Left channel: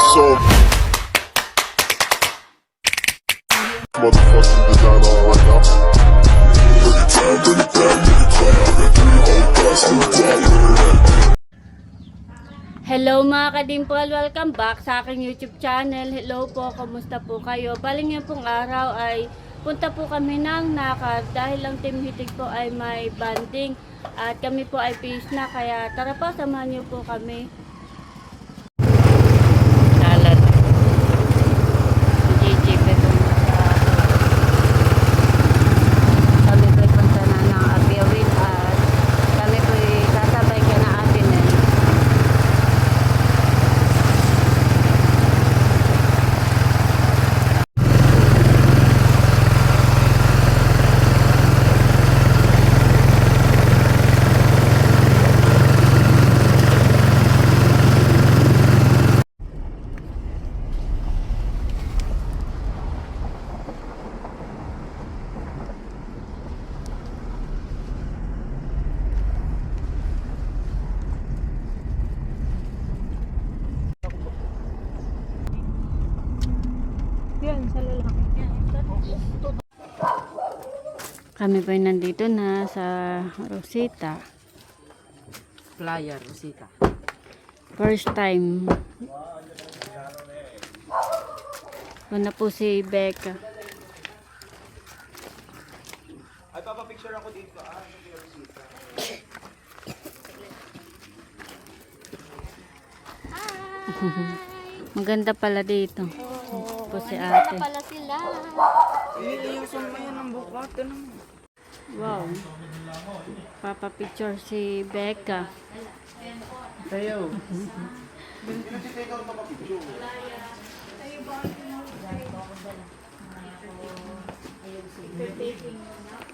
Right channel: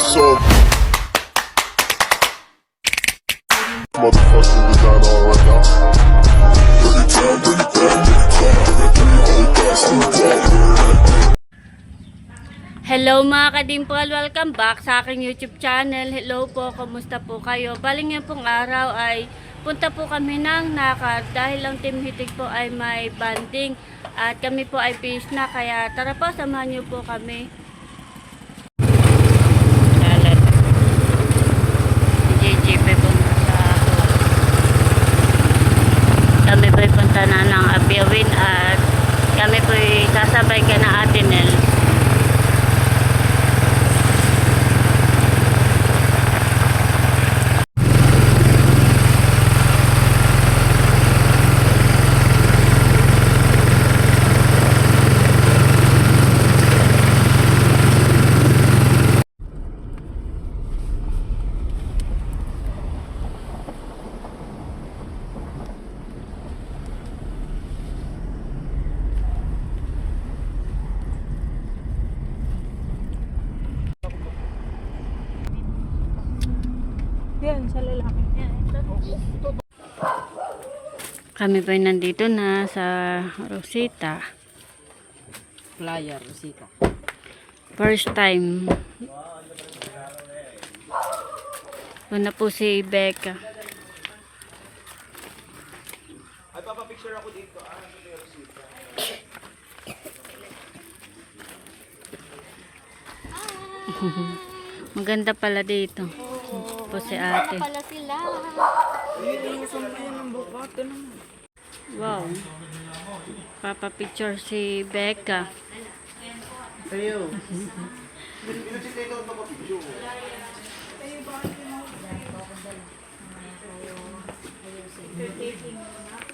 So motherfucking designer right now. Hello mga kadimpol, welcome back sa aking YouTube channel. Hello po, kamusta po kayo? Baling yan pong araw ay punta po kami ng Nakar dahil ang Team Hitik po ay may banding at kami po ay fish na, kaya tara po, samahan niyo po kami. Kami po ay punta na ng Abiawin at kami po ay sasabay ka na Atinel. Kami po ay nandito na sa Rosita. Playa Rosita. First time. Una po si Becca. Ay, papapicture ako dito. Rosita. Maganda pala dito. Po si ate. Pala sila. Wow. Papa picture si Becca.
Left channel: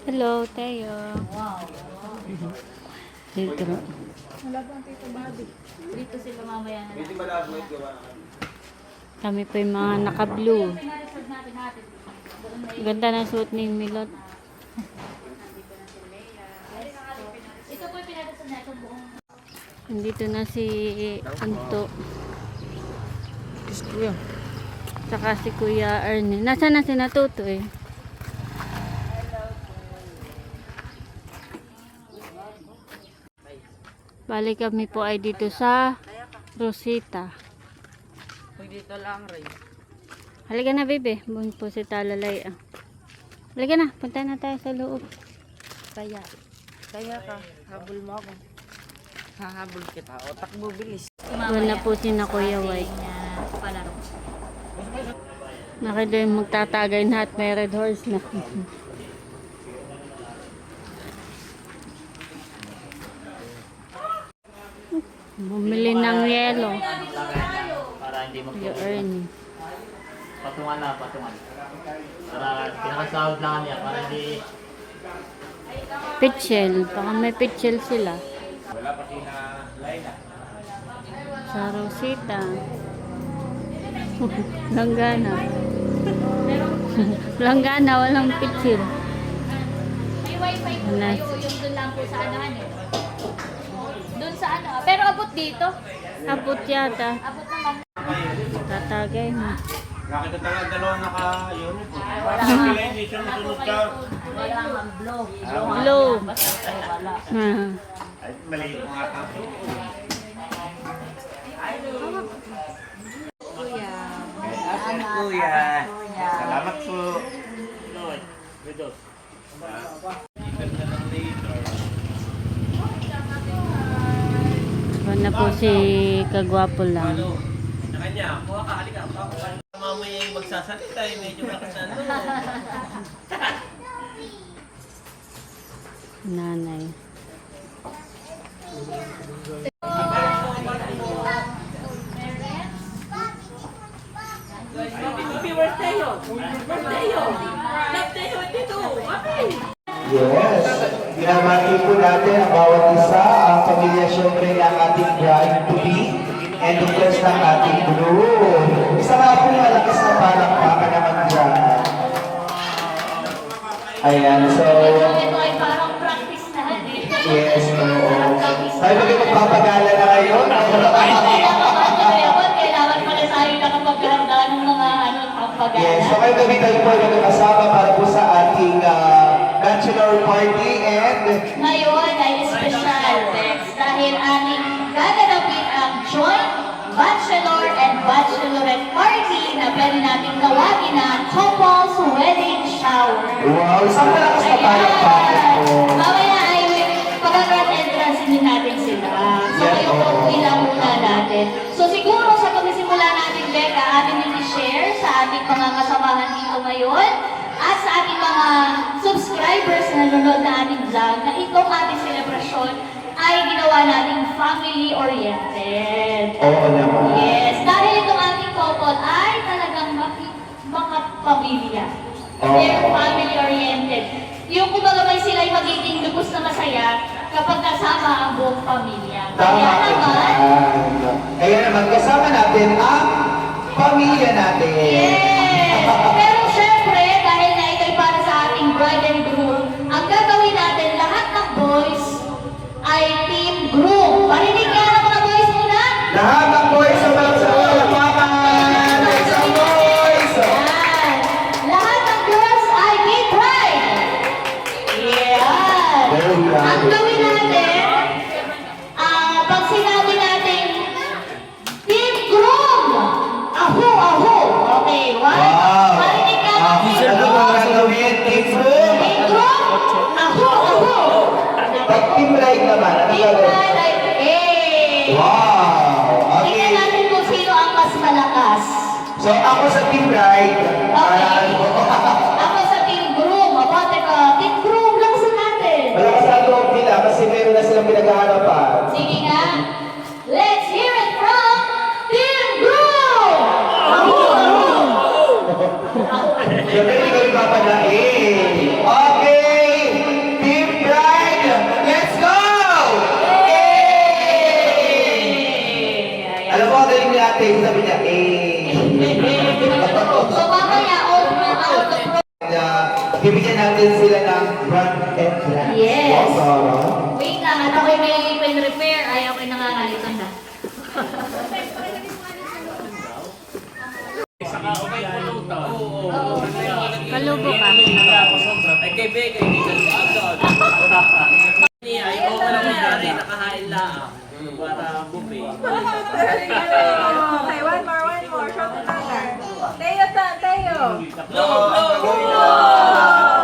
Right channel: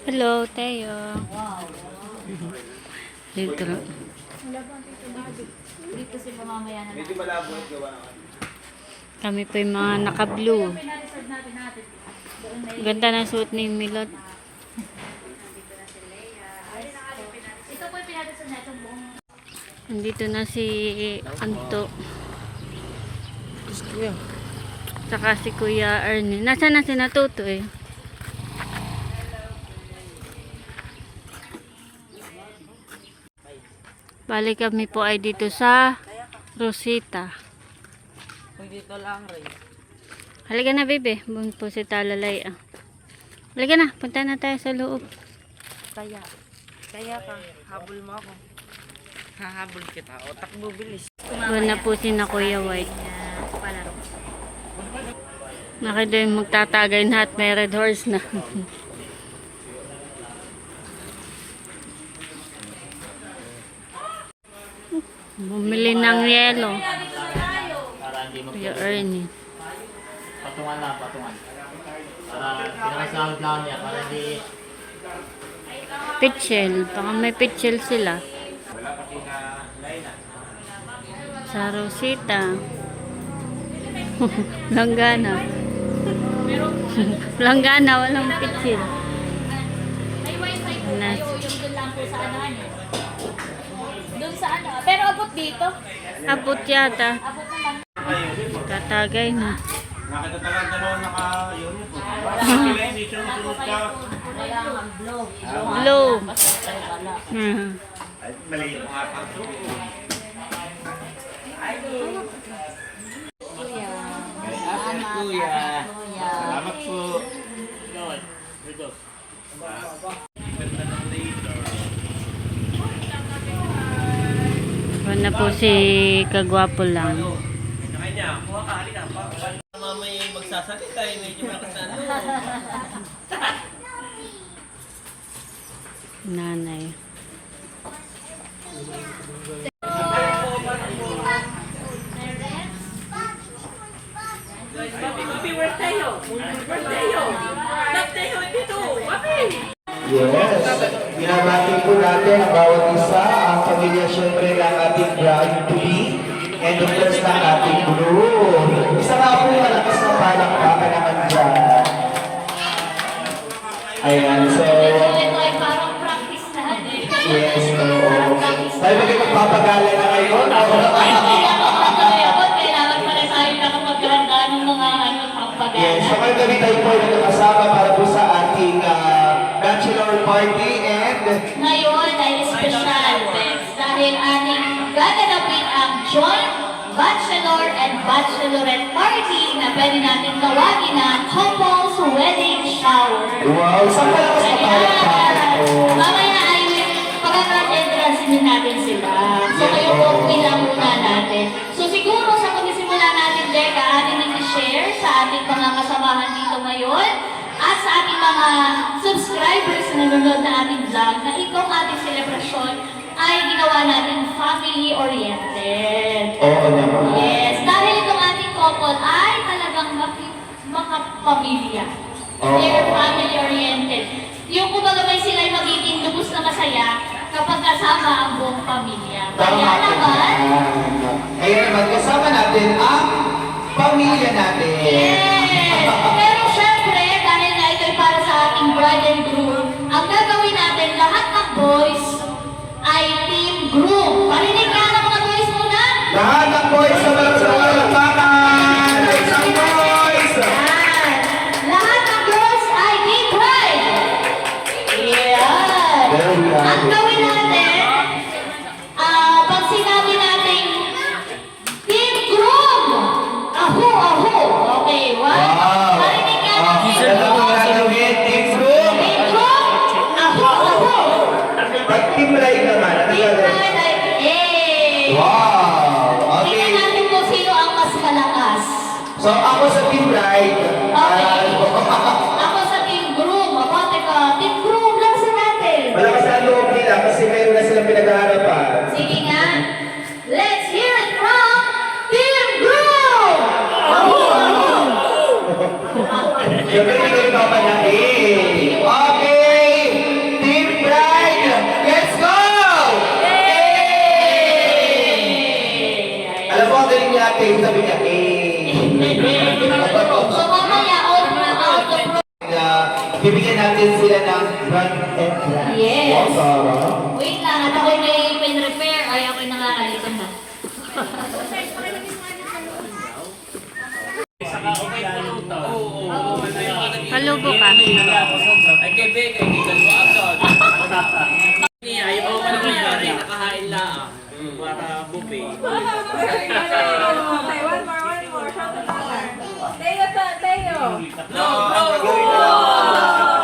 Hello, Teo. Dito. Dito sila mamaya na. Medyo malabo at gawa. Kami po yung mga naka-blue. Ganda na suot ni Milot. Nandito na si Anto. Saka si Kuya Ernie. Nasaan na si Natuto eh? Balik kami po ay dito sa Rosita. Dito lang rin. Halika na, bebe. Bun po si Talalay. Halika na. Punta na tayo sa loob. Kaya ka. Habol mo ako. Hahabol kita. O takbo bilis. Bun na po si na Kuya White. Nakita yung magtatagay na at may red horse na. Bumili ng yelo. Para hindi Kuya Ernie. patungan na, patungan. Para pinakasahod lang niya, para hindi... Pitchel. Baka may pitchel sila. Wala pa sina Laila. Sa Rosita. Langgana. Langgana, walang pitchel. May wifi po Nice. tayo. Yung doon lang po sa ano. Doon sa ano. Pero abot dito. Abot yata. Abot naman. Katagay na. Nakita talaga dalawa naka-yun po. Wala hindi sunod ka. Wala ang blow. Blow. Basta wala. Ay, maliit mo nga ka. Kuya. Kuya. Salamat po. Na po si Kagwapo lang. Kanya, kuha ka, halika. Mamaya yung magsasalita, medyo malakas na ano. Nanay. Yes. Binabati po natin ang bawat isa, ang pamilya syempre ng ating bride-to-be, and of course ng ating group. Isa nga po malakas na palakpakan naman dyan. Ayan, so... Ito ay parang practice na. Yes, oo. Tayo ba kayo magpapagala na ngayon? Kailangan pala tayo gabi tayo po ay nagkakasama para po sa ating bachelor party and Ngayon ay special, Bex, dahil ating gaganapin ang joint bachelor and bachelorette party na pwede natin tawagin na couples wedding shower. wow, isang malakas na palakpakan po. Mamaya ay pagka-grand entrance din natin sila. So kayo po bilang muna natin. So siguro sa pagsisimula natin, Becca, atin din i-share sa ating mga kasamahan dito ngayon at sa ating mga subscribers na nanonood na ating vlog na itong ating selebrasyon ay ginawa nating family-oriented. Oo naman. Yes, dahil itong ating couple ay talagang mga pamilya. Oo. They're family-oriented. Yung kumbaga may sila'y magiging lubos na masaya kapag kasama ang buong pamilya. Kaya naman, Kaya naman, kasama natin ang pamilya natin. yes! Pero syempre, dahil na ito'y para sa ating bride and groom, ang gagawin natin, lahat ng boys ay team groom. Parinig nga ng mga boys muna. Lahat ng boys sa mga palakpakan! Isang boys! Yan. Lahat ng girls ay team bride. Yan. Very nice. Ang gawin natin, pag sinabi natin, team groom. Aho, aho. Okay, one. Wow! Parinig nga ng team Ano groom. mo gagawin? Team Zoom? Team groom. Aho, aho. Pag team ride naman, ano Team gagawin? bride ay, eh. Wow! Tingnan Okay. natin kung sino ang mas malakas. So ako sa team ride, Okay. Ako sa team groom. Ako, teka, team groom lang si natin. wala kasi ang loob nila kasi meron na silang pinag-aarapan. Sige nga. Let's hear it from Team Groom! Aho! Siyempre, hindi ko ipapanain. Okay! Team Bride, let's go! Alam mo, ang galing ni ate, sabi niya, So mamaya, out of the pro... na bibigyan natin sila ng brand and brand. Yes. Wow, Wait lang, at ako'y may pen repair. Ay, ako'y nangangalikon na. Palubo ka. Ay, kay Beke, hindi ka sa agad. Ayaw ko naman dati, nakahain lang. Para buffet. Okay, one more. Shout to Tata. Teo.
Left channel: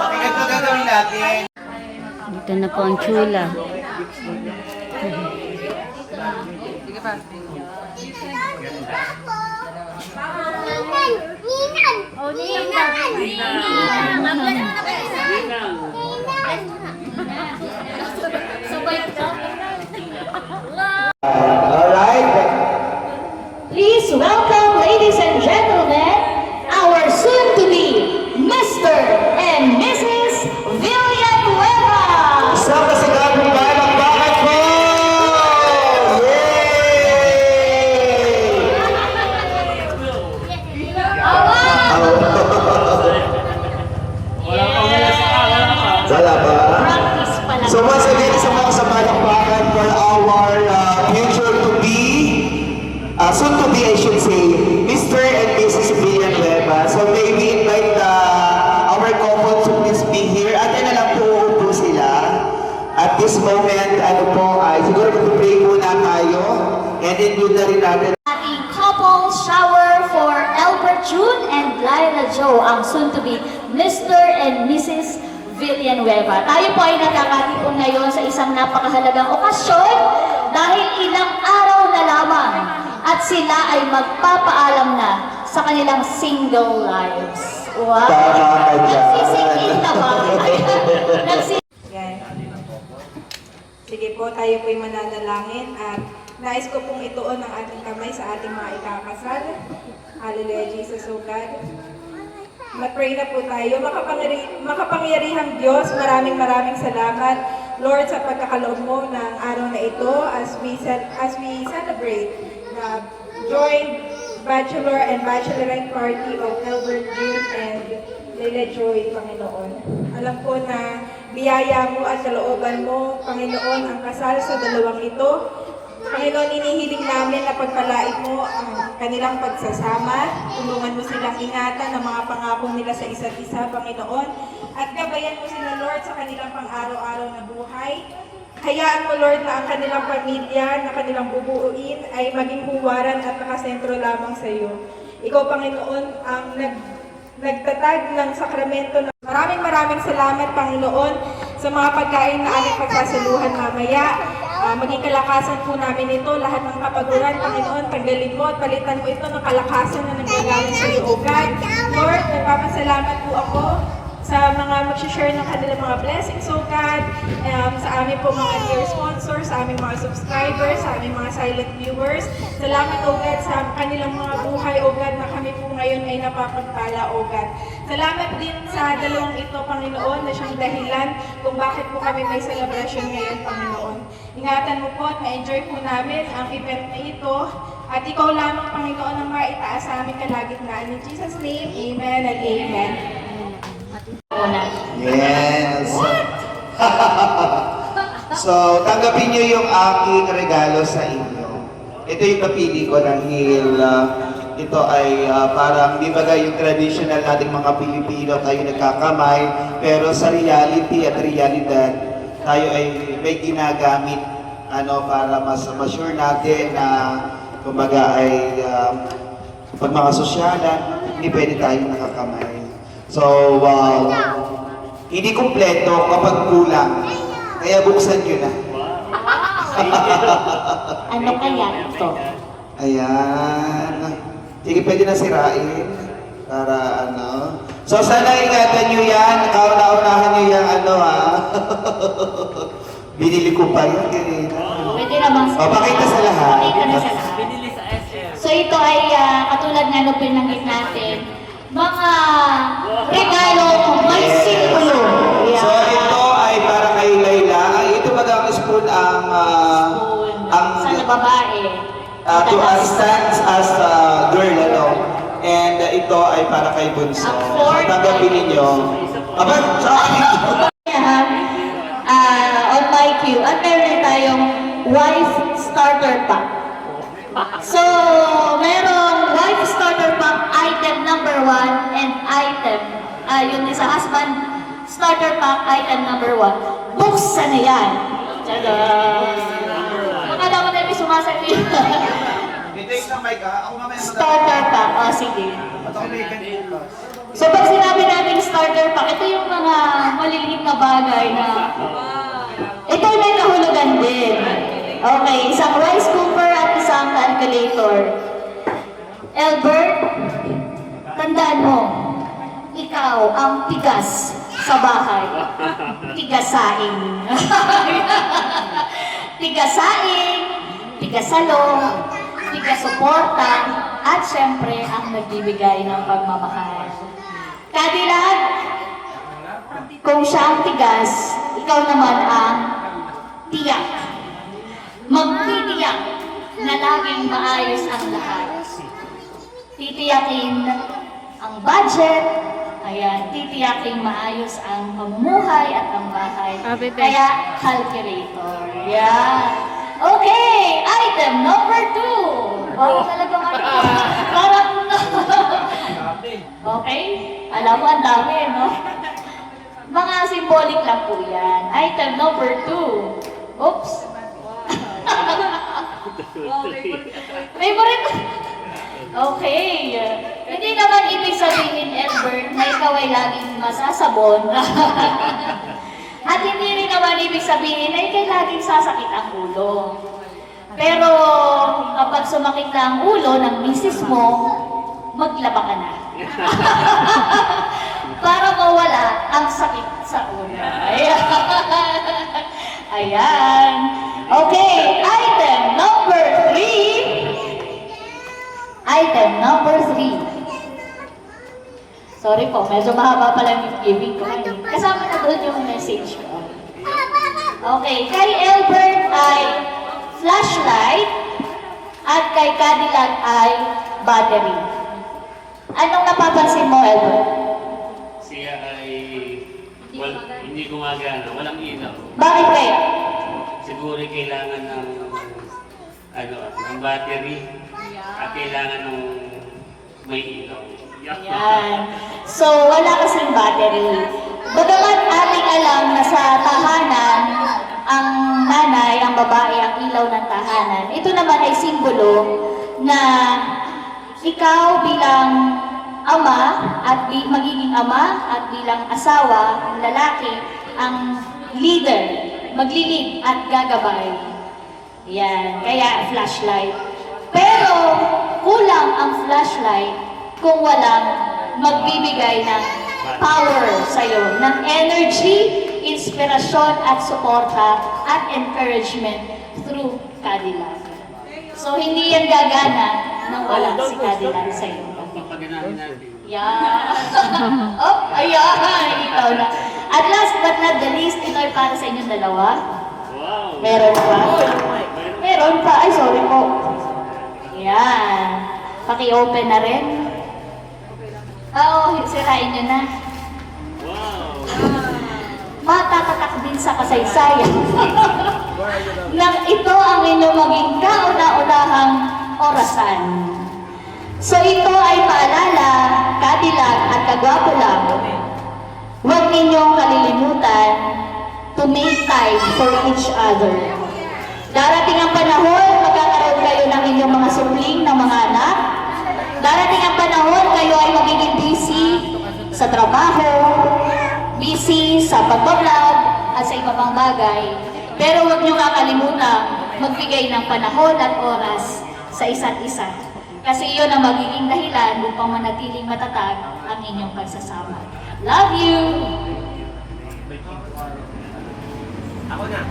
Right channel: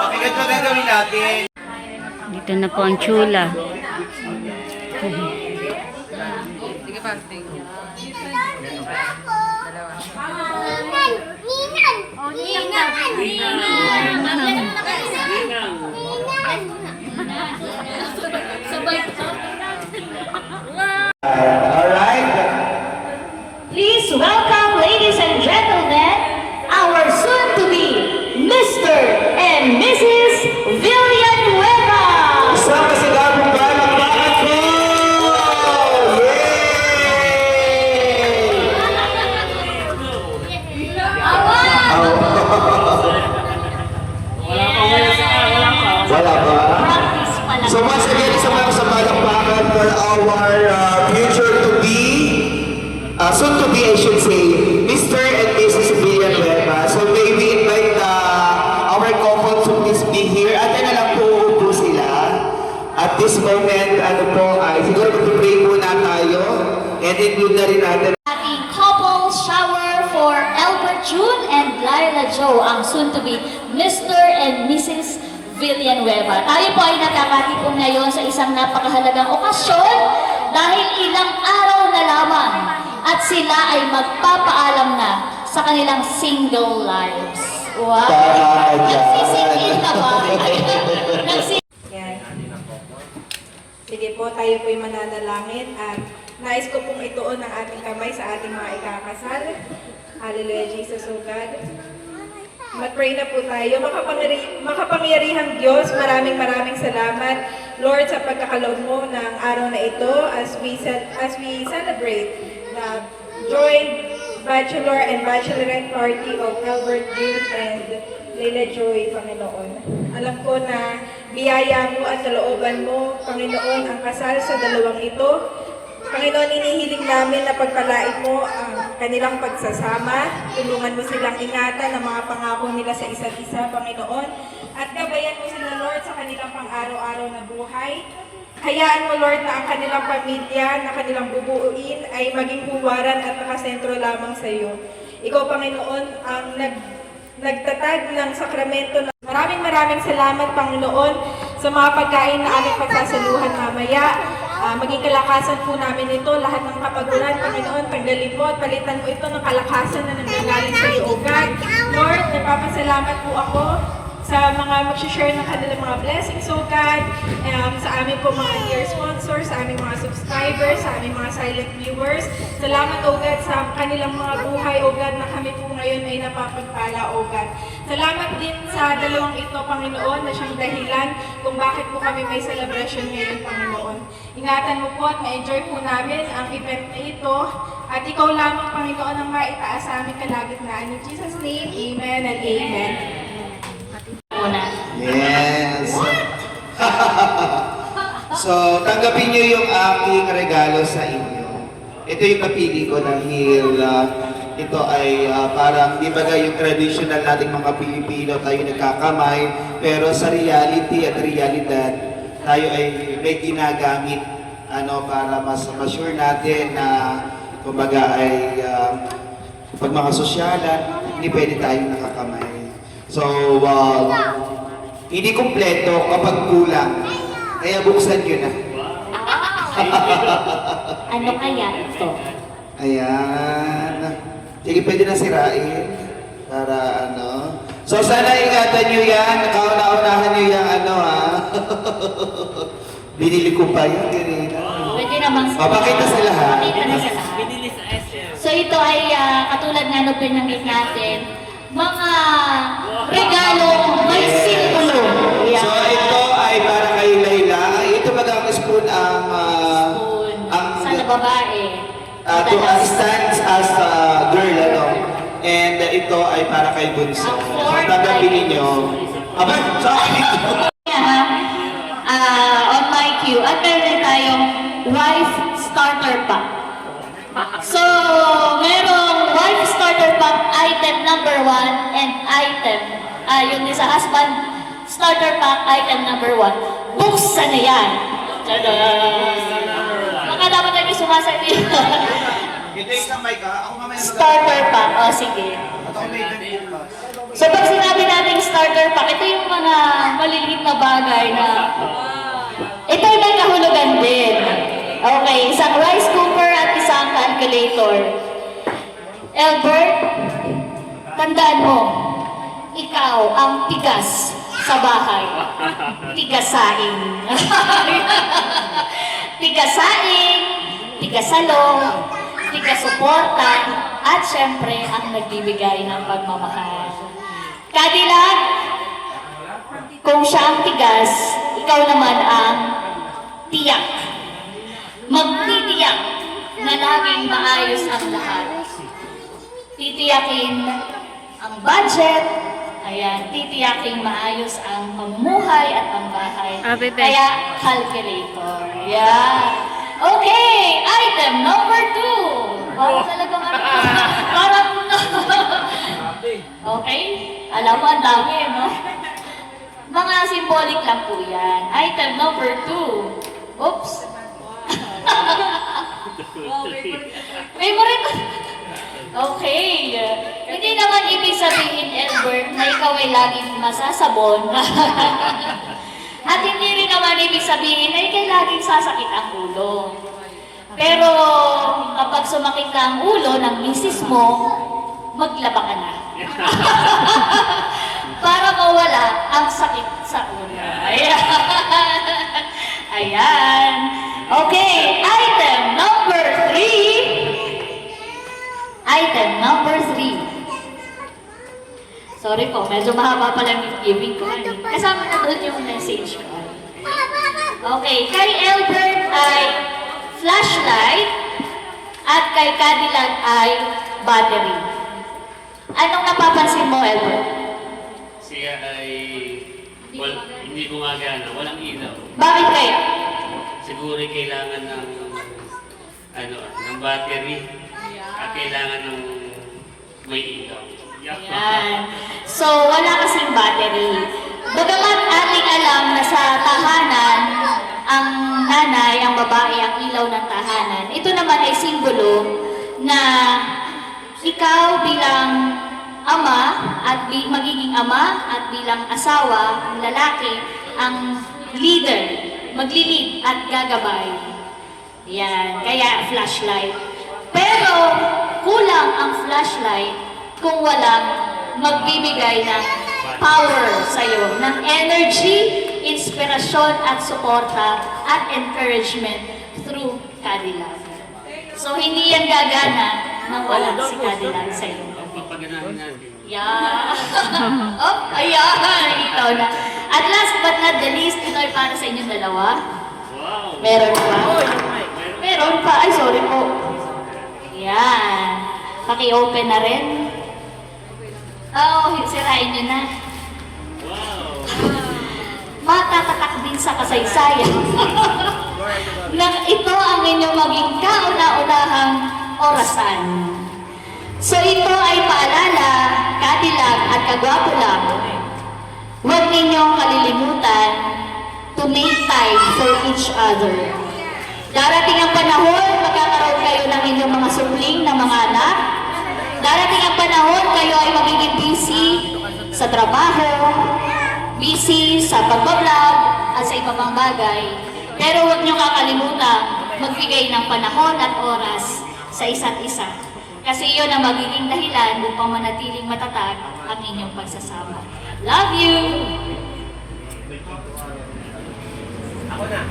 Okay, ito gagawin natin. Dito na po ang chula. Alright. Please welcome, ladies and gentlemen, our soon-to-be Mr. and Mrs. Villanueva. Isang masigabong palakpakan po! Wala pa. Practice pa lang. So once again, isang malakas na palakpakan for our future to be, soon to be I should say, Mr. and Mrs. Villanueva. So may we invite our couple to please be here. At na lang po uupo sila. At this moment, ano po, ay siguro mag-pray muna tayo. And include na rin natin. Ating couple shower for Albert June and Lyla Joe, ang soon-to-be Mr. and Mrs. Villanueva. Tayo po ay nakakatipon ngayon sa isang napakahalagang okasyon dahil ilang araw na lamang at sila ay magpapaalam na sa kanilang single lives. Wow! Tama yan. Nagsising-in na ba? Yan. Sige po, tayo po'y mananalangin at nais ko pong ituon ang ating kamay sa ating mga ikakasal. Hallelujah, Jesus, O God. Mag-pray na po tayo. Makapangyarihang Diyos, maraming salamat, Lord, sa pagkakaloob mo ng araw na ito as we celebrate the joint bachelor and bachelorette party of Albert June and Leila Joy, Panginoon. Alam ko na biyaya mo at kalooban mo, Panginoon, ang kasal sa dalawang ito. Panginoon, inihiling namin na pagpalain mo ang kanilang pagsasama, tulungan mo silang ingatan ang mga pangako nila sa isa't isa, Panginoon, at gabayan mo sila, Lord, sa kanilang pang-araw-araw na buhay. Hayaan mo, Lord, na ang kanilang pamilya, na kanilang bubuuin, ay maging huwaran at nakasentro lamang sa iyo. Ikaw, Panginoon, ang nagtatag ng sakramento. Maraming salamat, Panginoon, sa mga pagkain na aming pagsasaluhan mamaya. Maging kalakasan po namin ito, lahat ng kapaguran, Panginoon, pagdaling mo at palitan mo ito ng kalakasan na nanggagaling sa iyo, O God. Lord, nagpapasalamat po ako sa mga mag-share ng kanilang mga blessings, O God, sa aming po mga dear sponsors, sa aming mga subscribers, sa aming mga silent viewers. Salamat, O God, sa kanilang mga buhay, O God, na kami po ngayon ay napapagpala, O God. Salamat din sa dalawang ito, Panginoon, na siyang dahilan kung bakit po kami may celebration ngayon, Panginoon. Ingatan mo po at ma-enjoy po namin ang event na ito. At ikaw lamang, Panginoon, ang maitaas sa aming kalagitnaan. In Jesus' name, amen and amen. Yes. So, tanggapin niyo yung aking regalo sa inyo. Ito yung napili ko dahil ito ay parang, di ba yung traditional nating mga Pilipino, tayo nagkakamay, pero sa reality at realidad, tayo ay may ginagamit para mas sure natin na kumbaga ay pag mga sosyalan, hindi pwede tayong nakakamay. So, hindi kumpleto kapag kulang. Kaya buksan nyo na. Ano kaya ito? Ayan. Sige, pwede na sirain. Para So, sana ingatan nyo yan. Kauna-unahan nyo yung Binili ko pa yun. Pwede namang Papakita sa lahat. Pakita na sa lahat. Binili sa SM. So ito ay katulad nga nung binanggit natin, mga regalo may simbolo. So, ito ay para kay Layla. Ito bagang spoon ang Sa babae. to stands as a girl, And ito ay para kay Bunso. Ang So, fourth tanggapin ay- ninyo. Aba, sorry! On my cue, at meron tayong wife starter pack. So, merong wife starter pack item number 1 and item, yung sa husband starter pack item number 1. Buksan na yan! Tada! Baka dapat tayo may sumasabi. Ito yung isang mic, ako mamaya Starter pack, sige. So pag sinabi natin starter pack, ito yung mga maliliit na bagay na ito ay may kahulugan din. Okay, isang rice cooker at isang calculator. Albert, tandaan mo, ikaw ang tigas sa bahay. Tigasaing. Tigasaing, tigasalong, tigasuporta, at syempre ang nagbibigay ng pagmamahal. Kadilag, kung siya ang tigas, ikaw naman ang tiyak. Magtitiyak na laging maayos ang lahat. Titiyakin ang budget, titiyaking maayos ang pamumuhay at ang bahay. Bebe. Kaya calculator. Okay, item number 2. Talagang parang okay, alam mo, ang dami, no? Mga symbolic lang po yan. Item number 2. Oops. Favorite. Okay. Hindi naman ibig sabihin, Albert, na ikaw ay laging masasabon. At hindi rin naman ibig sabihin na ikay laging sasakit ang ulo. Pero kapag sumakit na ang ulo ng misis mo, maglaba ka na. Para mawala ang sakit sa ulo. Ayan. Okay, item number 3. Item number 3. Sorry po, medyo mahaba pala yung giving ko ngayon. Kasama ko doon yung message ko. Okay, kay Albert ay flashlight at kay Cadillac ay battery. Anong napapansin mo, Albert? Siya ay hindi gumagana, walang ilaw. Bakit kaya? Siguro kailangan ng battery. Kailangan ng may ilaw. Yan. So, wala kasing battery. Bagamat ating alam na sa tahanan, ang nanay, ang babae, ang ilaw ng tahanan, ito naman ay simbolo na ikaw bilang ama at magiging ama at bilang asawa, ang lalaki, ang leader, maglilid at gagabay. Yan, kaya flashlight. Pero kulang ang flashlight kung walang magbibigay ng power sa'yo, ng energy, inspirasyon at suporta at encouragement through Cadillac. So hindi yan gagana nang wala si Cadillac sa'yo. Papaganahin natin. Yeah. Oh, ayan. Ikaw na. At last but not the least, ito ay para sa inyong dalawa. Wow! Meron pa? Meron pa. Ay, sorry po. Yan. Paki-open na rin. Oo, sirain nyo na. Wow! Matatatak din sa kasaysayan. Na ito ang inyong maging kauna-unahang orasan. So ito ay paalala, Cadillac at kagwapo lang. Huwag ninyong kalilimutan to make time for each other. Darating ang panahon, magkakaroon kayo ng inyong mga supling ng mga anak. Darating ang panahon, kayo ay magiging busy sa trabaho, busy sa pag-vlog at sa iba pang bagay. Pero huwag niyo kakalimutan magbigay ng panahon at oras sa isa't isa. Kasi iyon ang magiging dahilan upang manatiling matatag ang inyong pagsasama. Love you!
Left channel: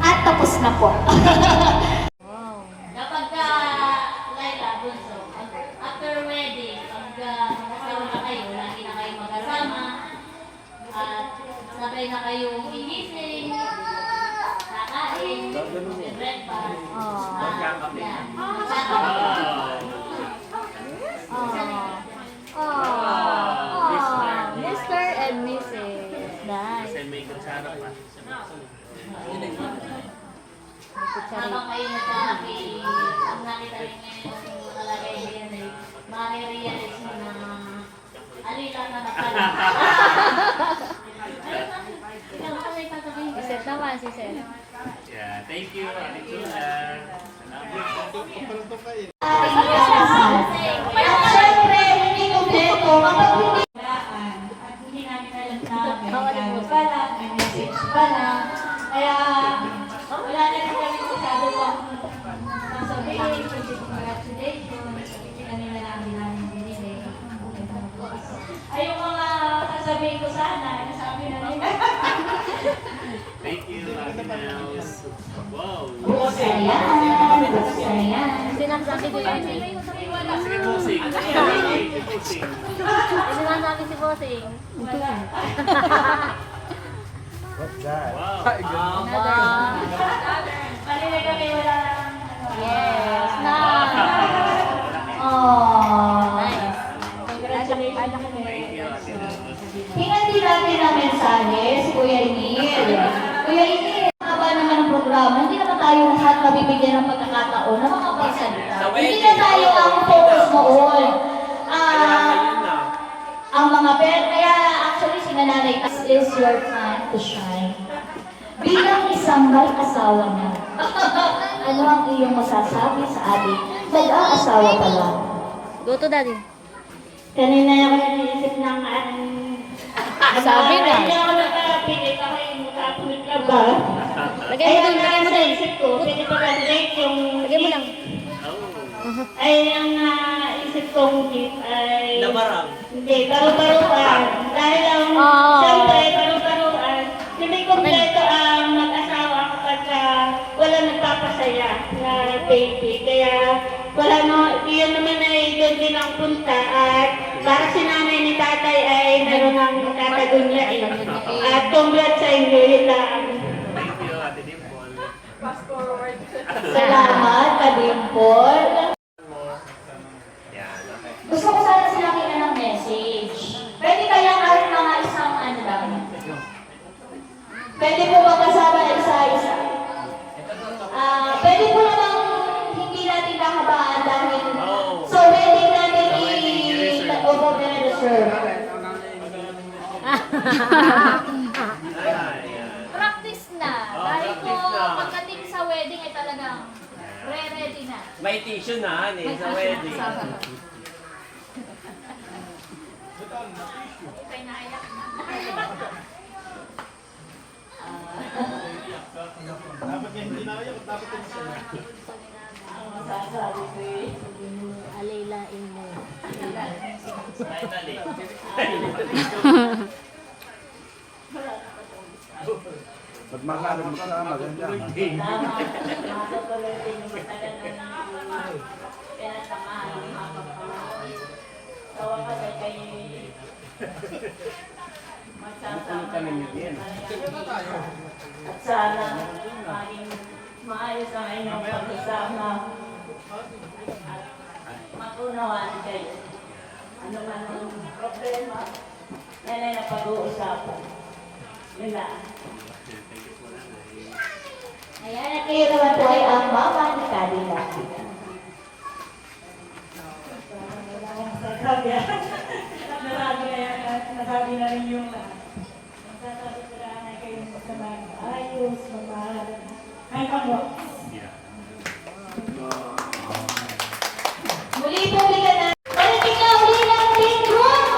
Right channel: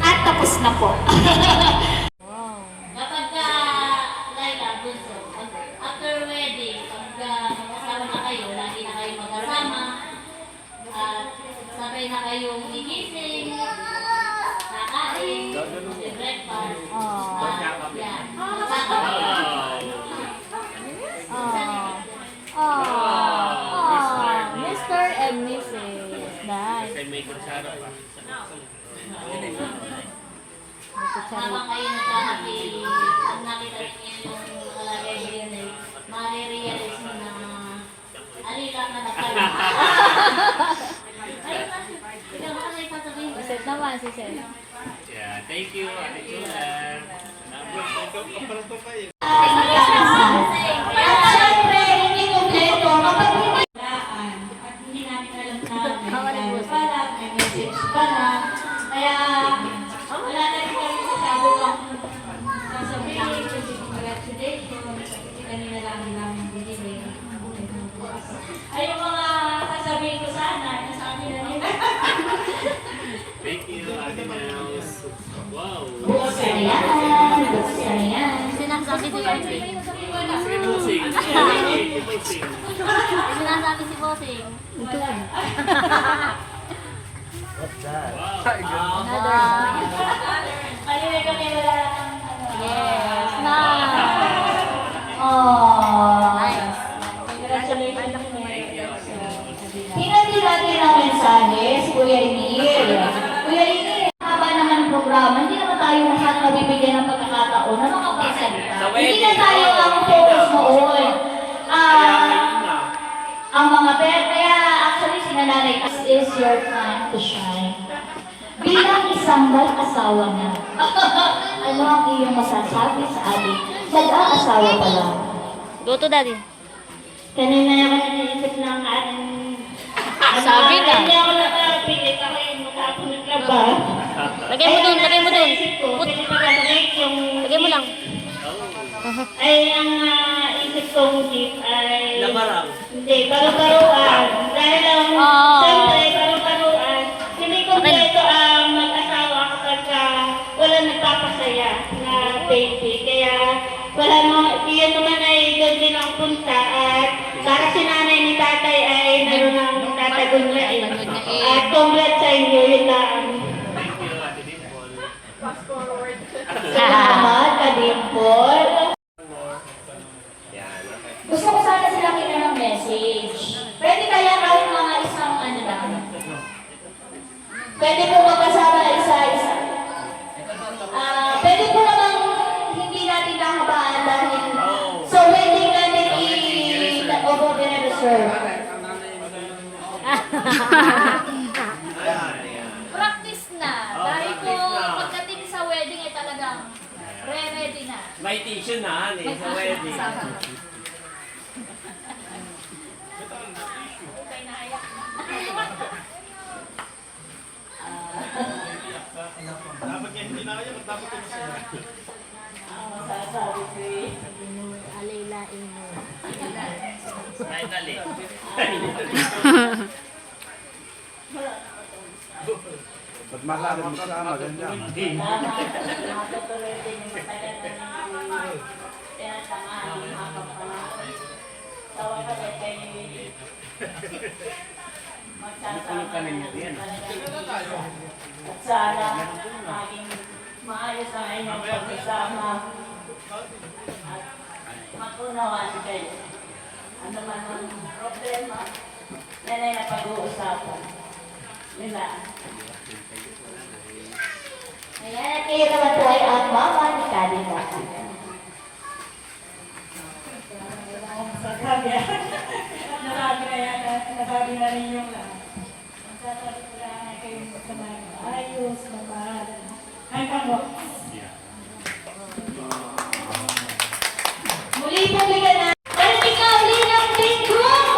At tapos na po. Kapag Laila, Bunso, after wedding, pag mag-asawa na kayo, lagi na kayo mag-asama, at sabay na kayong gigising, kakain, breakfast, yan. Mr. and Mrs. Kasi may kutsara pa. Habang kayo nagkakapi, pag nakita rin niyo yung nakalagay diyan, marirealize mo na alila na nakala. Yung kasi pa sabihin, si Seth naman, si Seth. Yeah, thank you, Ate Julan. Salamat. At syempre, hindi kompleto kapag hindi At hindi namin alam na may pala, may message pala. Kaya wala na rin kami masyado pang sasabihin, kasi congratulations, hindi kami na lang namin binili. Ay, yung mga sasabihin ko sana, nasabi na nila. Thank you, Ate Nels. Wow! buksan yan. Buksan yan. Sinasabi si Bossing. Sige, Bossing. Sige, Bossing. Sinasabi si Bossing. Wow! Palinig kami, wala na kang Yes, na. Oh. congratulations. Thank you, Ate Nels. Hinati natin ang mensahe si Kuya Inil. Kuya Inil, haba naman ang programa, hindi naman tayo lahat mabibigyan ng pagkakataon na makapagsalita. Hindi na tayo ang focus noon. Ang mga kaya actually si Nanay, this is your time to shine. Bilang isang mag-asawa na, ano ang iyong masasabi sa ating mag-aasawa pa lang? Go to daddy. Kanina ako nag-iisip ng Sabi na. Hindi ako nakapili kasi mukha ako naglaba. Lagay mo dun, lagay mo dun. Isip ko, hindi pa balik yung... Lagay mo lang. Ay, ang isip kong gift ay... Lamarang. Hindi, paru-paruan. Dahil ang, siyempre, paru-paruan. Hindi kompleto ang mag-asawa kapag wala nagpapasaya na baby. Kaya, wala no, iyan naman ay doon din ang punta at para si nanay ni tatay ay meron ng tatagunyain. At congrats sa inyo, yun lang. Thank you, Ate Dimple. Salamat, Kadimpol. Gusto ko sana sila kita ng message. Pwede kaya kahit mga isang ano lang. Pwede po magkasama na isa-isa. Pwede po namang hindi natin kahabaan Practice na. Dahil po pagdating sa wedding ay talagang ready na. May tissue na, sa wedding. Okay na ayak na. Alaylain mo. Kahit dali. Matutuloy din yung matagal na hindi pinatamaan yung habang panahon. Tawa ka ba kayo magsasama at sana maging maayos ang inyong pagsasama at matunawaan kayo. Ano man ang problema, yan ay napag-uusapan. Yun lang. Ayan, at kayo naman po ay ang mama ni Kalina. Nasabi na rin yung lahat. Masasabi ko lang ay kayong magkamay ayos, magmahal. Ay, pango. Muli po bigyan na. Palitin ka uli ng pink room!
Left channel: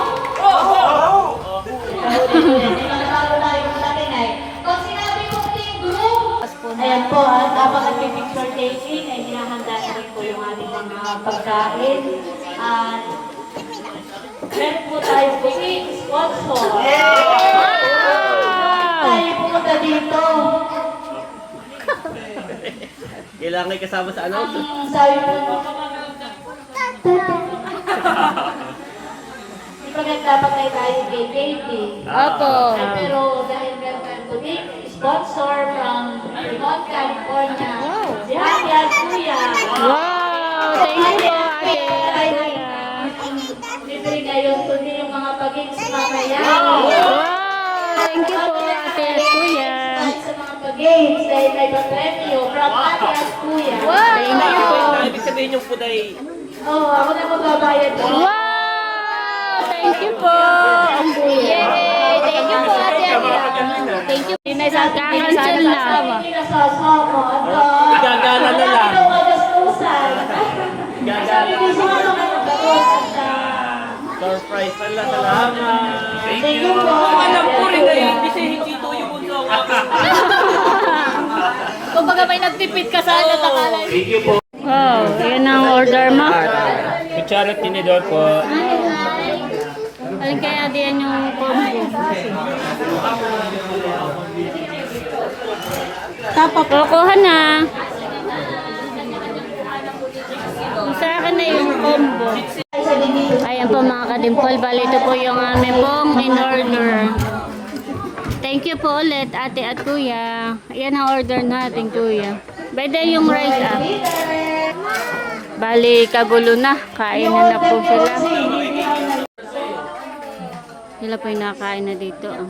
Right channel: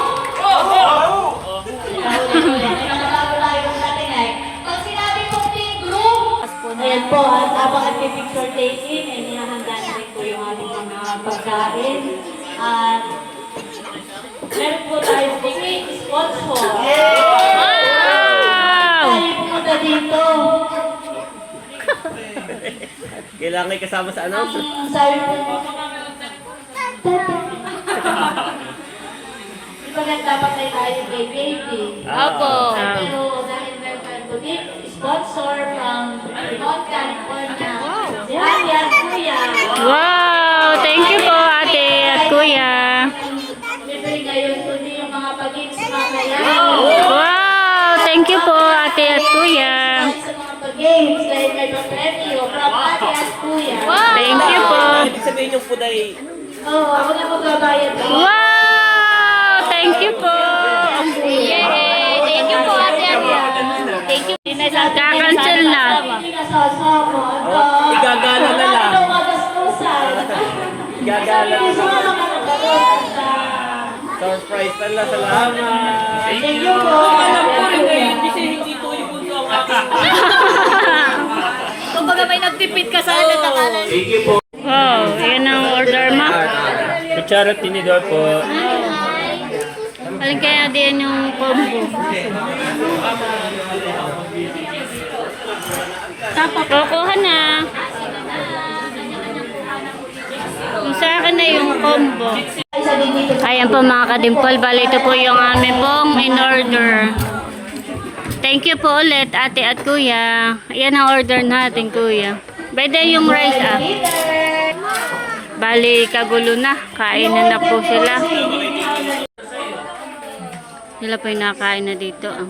May mga bago tayo po natin ay, pag sinabi pong pink room, ayan po, habang nag-picture taking, ay hinahanda na rin po yung ating mga pagkain. At meron po tayo booking sponsor. Tayo pumunta dito. Kailangan kasama sa announce. Sabi po, ipagat dapat ay tayo kay baby. Opo. Pero dahil meron kang booking sponsor from Fremont, California, si Ate at Kuya. Wow! Thank you po, ate at kuya. Libre ngayon, kundi yung mga pag-ins mamaya. Wow! Thank you po, ate at kuya. Sa mga pag-games, dahil may papremyo from Ate at Kuya. Thank you po. Ibig sabihin yung food ay Ako na magbabayad mo. Wow! Thank you po. Yay! Thank you po, ate at kuya. Thank you. Kakancel na. Hindi nasasama. Igagala na lang. Ang magastusan. Sabi ni Suno ka ng dagot. surprise pala. Salamat. Thank you po. Ate at Kuya. Kumbaga may nagtipid ka sa akin na Thank you po. Wow, yan ang order mo. Kutsara tinidor po. Alin kaya diyan yung combo? Kukuha na. Yung sa akin na yung combo. Ayan po mga kadimpol, bali ito po yung amin pong in order. Thank you po ulit ate at kuya. Ayan ang order natin kuya. Pwede yung rice ah. Bali kagulo na, kainan na po sila. Sila po yung nakain na dito ah.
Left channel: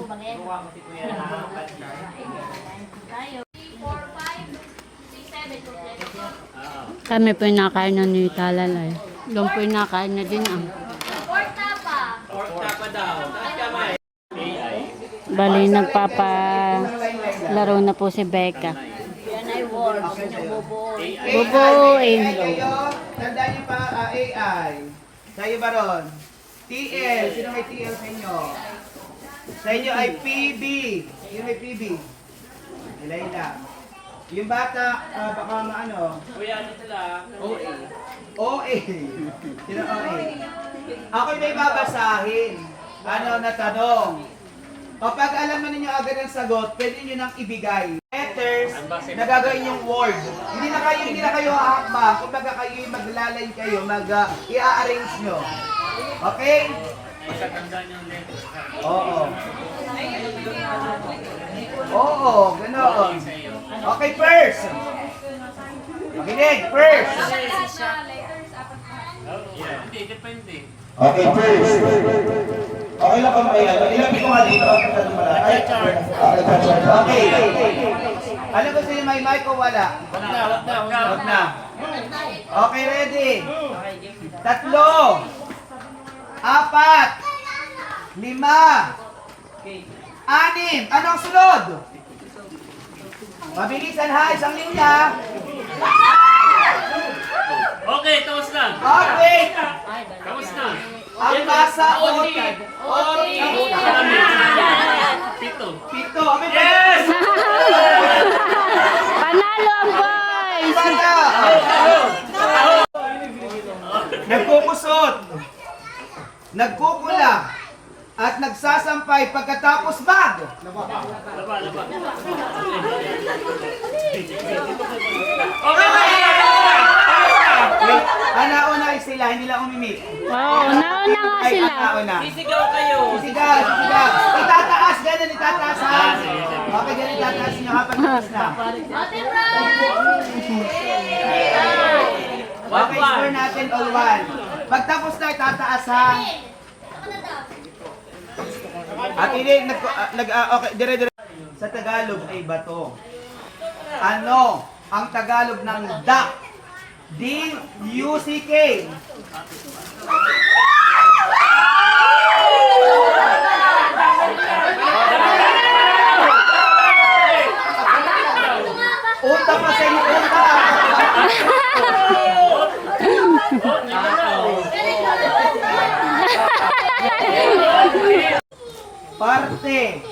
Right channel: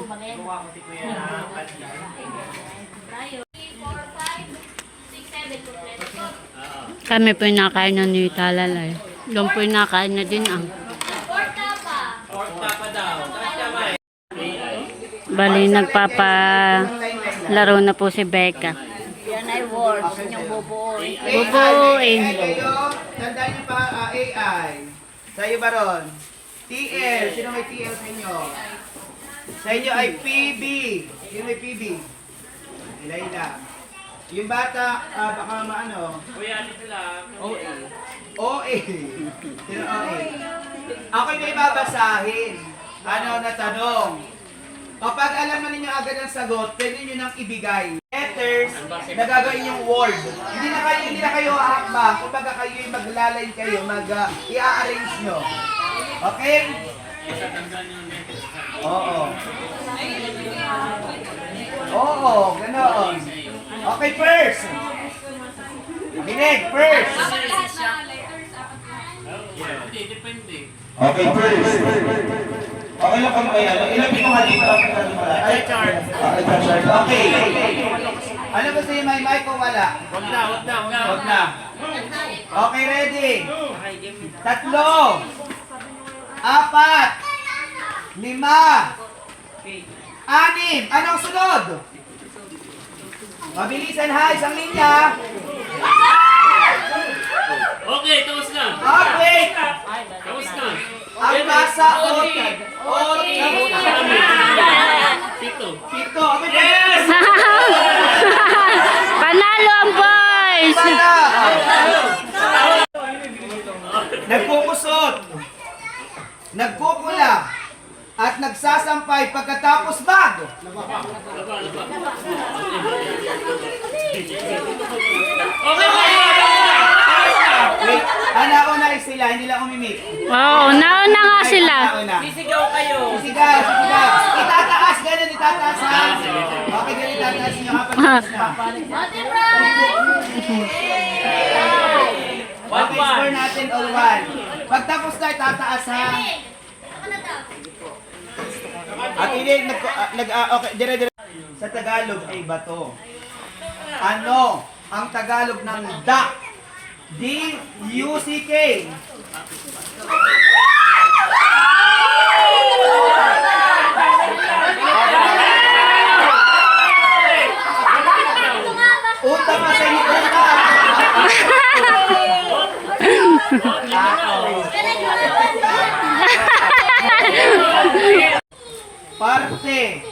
Kami po yung nakain na ni Talalay. Doon po yung nakain na din ah. Bali nagpapalaro na po si Becca. yan ay words, yung bubuoy. Bubuin. Tandaan niyo pa AI. Sa iyo ba ron? TL. Sino may TL sa inyo? Sa inyo ay PB. Sino may PB? Ilayla. Yung bata, baka maano? Kuya, ano sila? OA. OA. Sino OA? Ako'y may babasahin. Ano na tanong? O pag alam mo ninyo agad ang sagot, pwede nyo nang ibigay. Letters na gagawin yung word. Hindi na kayo haakbang. Kumbaga kayo yung maglalay kayo, i-arrange nyo. Okay? Oo. Oo, ganoon. Okay, first. Makinig, first. Hindi, depende. Okay, first. Okay lang kami kayo. Ilapit mo nga dito. Okay. Ano gusto niyo, may mic o wala? Wag na. Okay, ready? 3, 4, 5, 6. Anong sunod? Mabilisan ha, isang linya. Okay, tapos na. Okay. Tapos na. Ang masa Pito. Pito. Yes! Panalo ang boys! Nagkukusot, nagkukula, at nagsasampay pagkatapos mag. Okay, Wait, nauna ay sila, hindi lang umimik. Oo, nauna nga Ay, sila. nauna. Sisigaw kayo. Sigaw, sigaw. Itataas, ganun, itataas ha. Okay, ganun, itataas nyo kapag tapos na. Okay, score natin all one. Pagtapos na, itataas ha. At hindi, okay, dire. Sa Tagalog ay bato. Ano ang Tagalog ng duck? D-U-C-K. Unta pa sa inyo, unta. Parte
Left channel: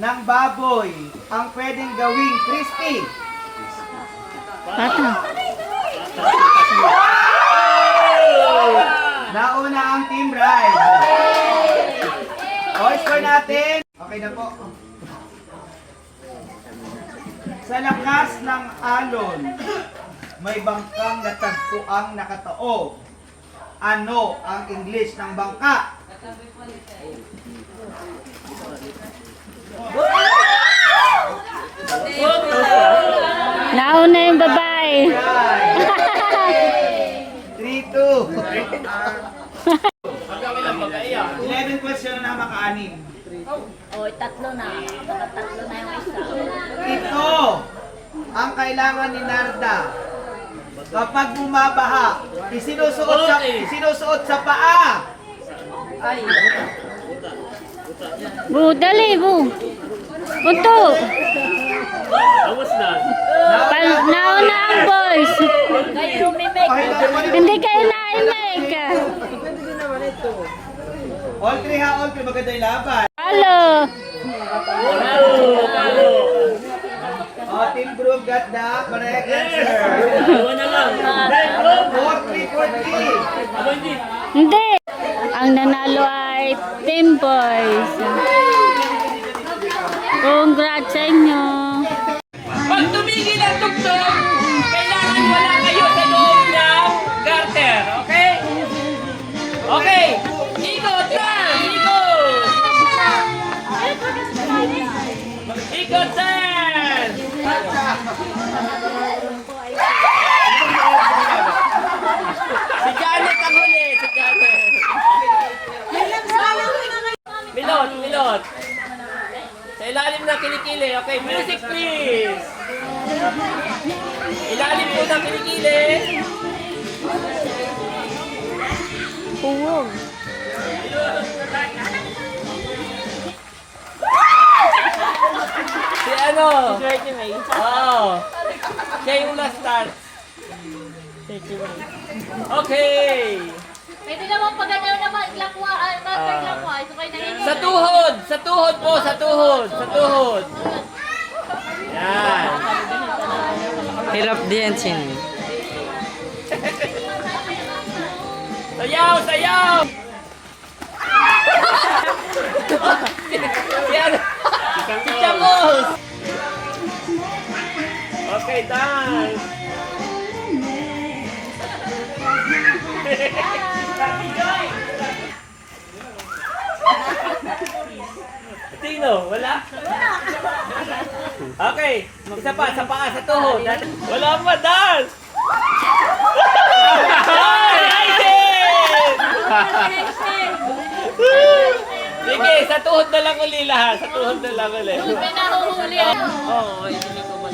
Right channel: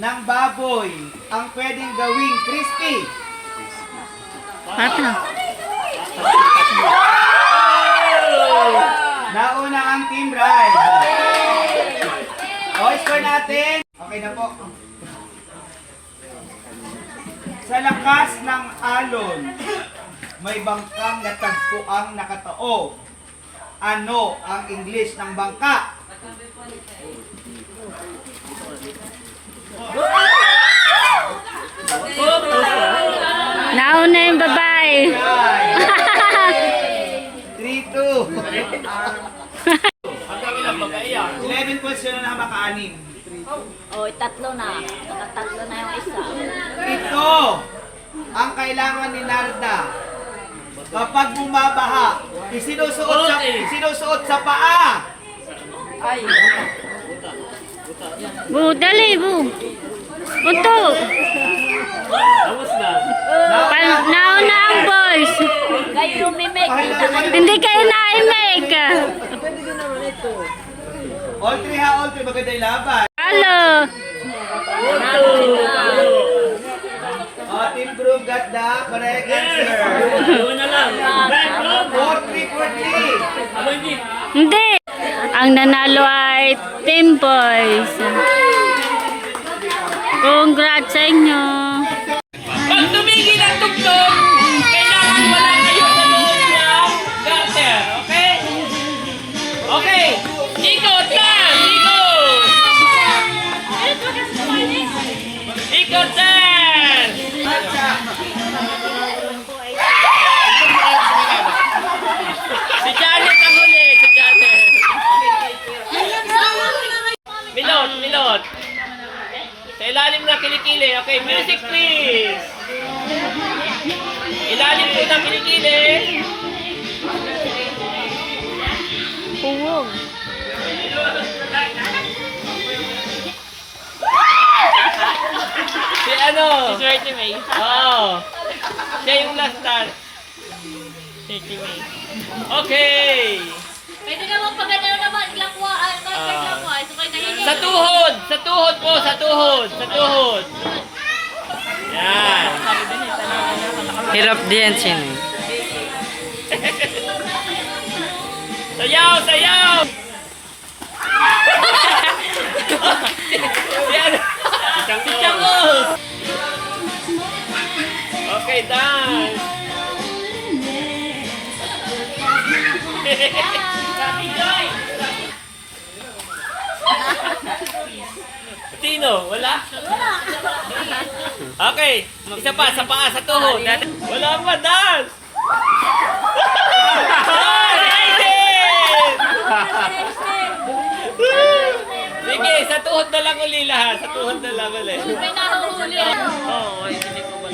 ng baboy ang pwedeng gawing crispy. Tata. Nauna ang Team Ride. O, score natin. Okay na po. Sa lakas ng alon, may bangkang natagpuang nakataob. Ano ang English ng bangka? Nauna yung babae. 3-2. 11 question na maka-anim. O, tatlo na. Nakatatlo na yung isa. Ito ang kailangan ni Narda. Kapag bumabaha, isinusuot sa paa. Bu, dali, bu. Punto. Tapos na. Nauna ang boys. Kayo mimik. Hindi kayo na-make. All three ha, all three. Maganda yung laban. Halo. Team Group got the correct answer. Dalawa na lang. 4-3. Aba, hindi. Hindi. Ang nanalo ay Team Boys. Congrats sa inyo. Pag tumigil ang tugtog, kailangan wala kayo sa loob ng garter. Okay? Okay. Ikot yan! Ikot! Ikot yan! Si Janet ang huli. Si Janet. Milot. Sa ilalim ng kilikili. Okay, music please. Ilalim po ng kilikili. Puwog. Si ano? Si Swerte May. Oo. Siya yung last dance. Swerte May. Okay. Pwede naman pag ano naman, lakwaan. Bakit lakwaan? So kayo nagiging... Sa tuhod. Sa tuhod po. Sa tuhod. Sa tuhod. Yan. Hirap din siya eh. Sayaw! Sayaw! Yan! Si Changos! Okay, dance! Sabi Joy! Tino, wala? Okay, isa pa, sa paa, sa tuhod. Wala pa, dance! Sige, sa tuhod na lang uli lahat. Sa tuhod na lang uli. May nahuhuli. Oo, hindi ko ba?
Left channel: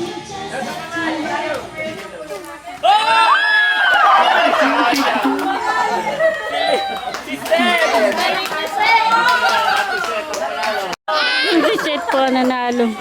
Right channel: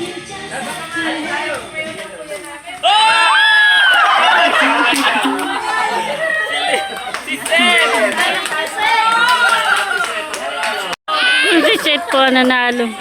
Oh! Si Sen! po ang nanalo.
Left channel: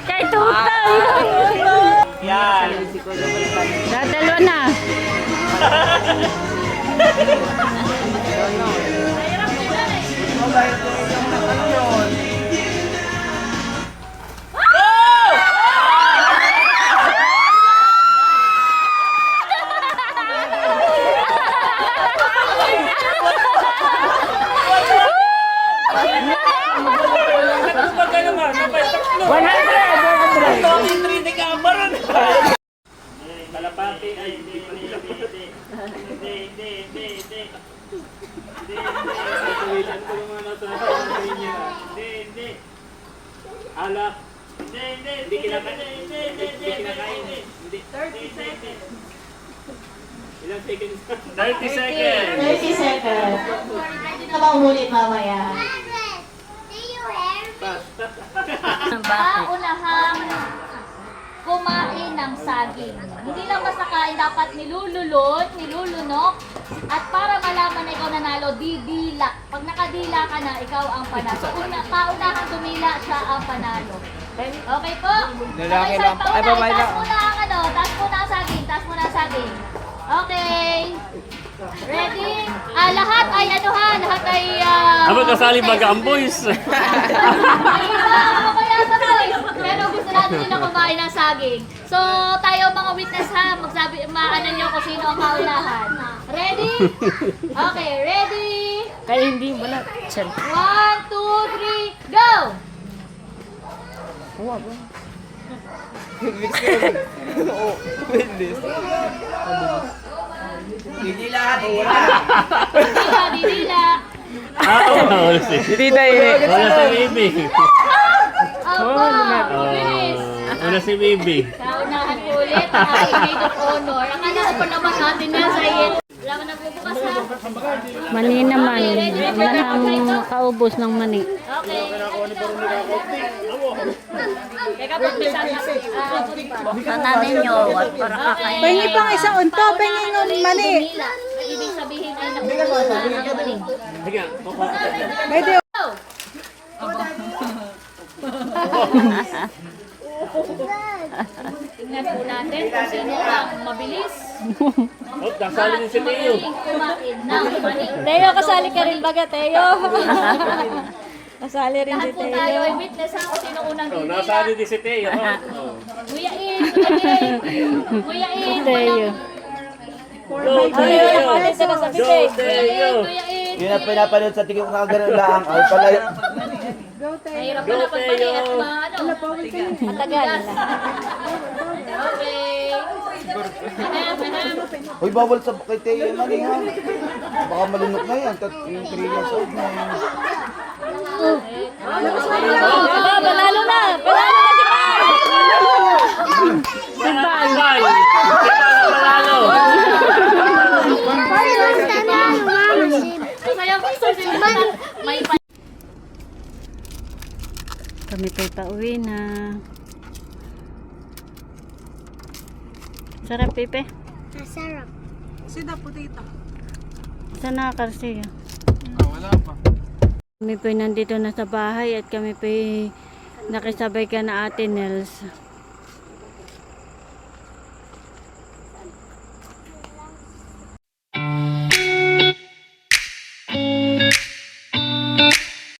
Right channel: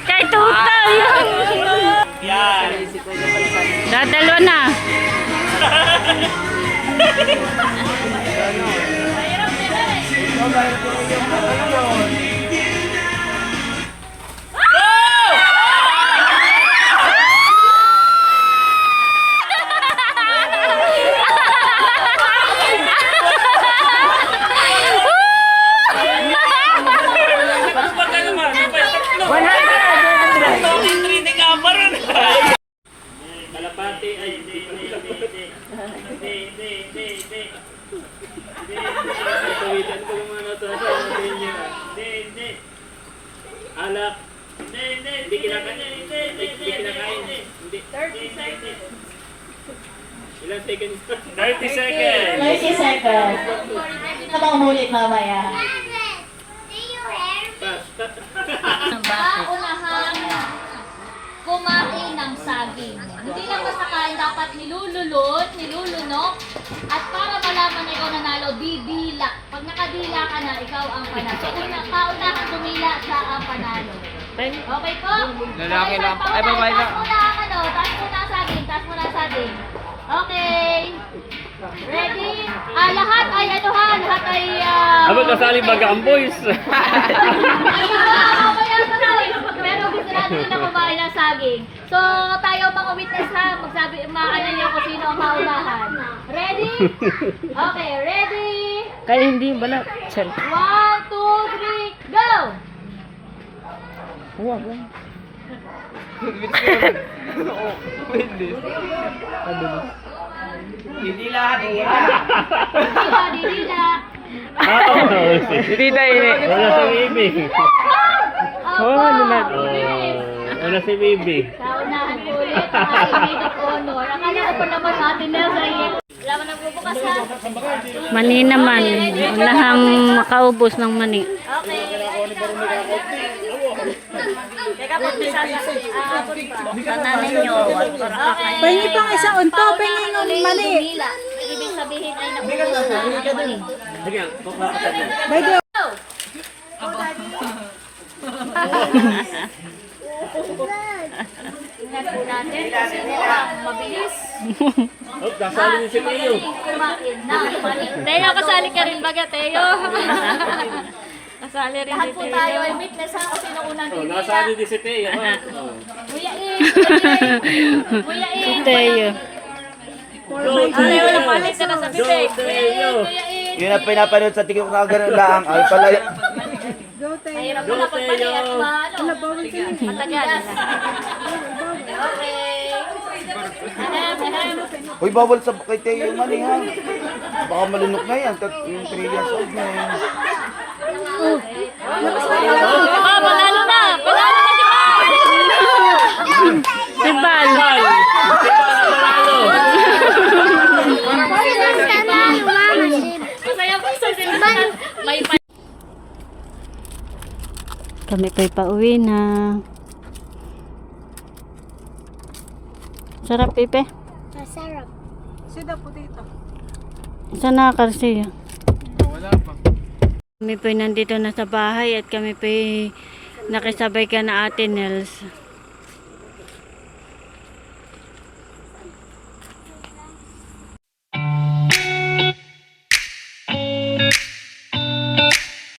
Kay Tutay. Yan. Dadalo na. Wala ka. Trinig ka pa ron. Kalapati. Ay, hindi. Tuwitan ko yung mga nasa niya. Hindi. Alak. Hindi kinakain. Hindi. Ilang seconds? 30 seconds. 30 seconds. Hindi na bang ulit mamaya? Paunahang kumain ng saging. Hindi lang basta kain, dapat nilulunok, at para malaman na ikaw nanalo, didila. Pag nakadila ka na, ikaw ang panalo. Paunahang tumila, siya ang panalo. Okay po? Lalaki lang. Ay, babae lang. Taas muna ang saging, Okay. Ready? Lahat ay lahat ay... Aba, kasali baga ang boys. Ay, mamaya pa tayo. Pero gusto natin nila kumain ng saging. So, tayo mga witness ha, maano nyo kung sino ang kaunahan. Ready? Okay, ready? Kaya hindi balat. 1, 2, 3, go! Didila, wala. Didila. Hindi tayo. Wala si Bibi. Opo, bilis. Wala si Bibi. Kaunahan ko ulit ang aking maid of honor. Akala ko pa naman natin na sa iyo. Wala man nagbubukas ha. Mani naman. Unahang makaubos ng mani. Okay. Pahingi pang isa unto, pahingi ng mani. Ibig sabihin ay nakuha na ng mani. Sige, kukuha ka tayo. Pwede. Tingnan po natin kung sino ang mabilis Oh, nasali din si Teo. kumain ng mani. Teo, kasali ka rin baga, Teo. Kasali rin Lahat si po Teo. tayo ay witness ha kung sino unang Oh, bibila. nasali din si Teo. Oh. Kuya In! Kuya In! Si Teo. Go, Teo! Go, Teo! Kuya In! Yun ang pinapanood sa tingin ko kagano'n lang. Ay, pala. Mahirap na pagpali at matagal. Okay. Uy, bawal sa kay Teo yung mali ha. Baka malunok na yan. Yung 3 years old na yan. Panalo na! Panalo na si Bal! Si Bal! Bal! Panalo! Kami kay pauwi na. Sarap, Pepe. Masarap. Saan nakakarsiya? Wala pa. Kami po'y nandito na sa bahay at kami po'y nakisabay ka na Ate Nels.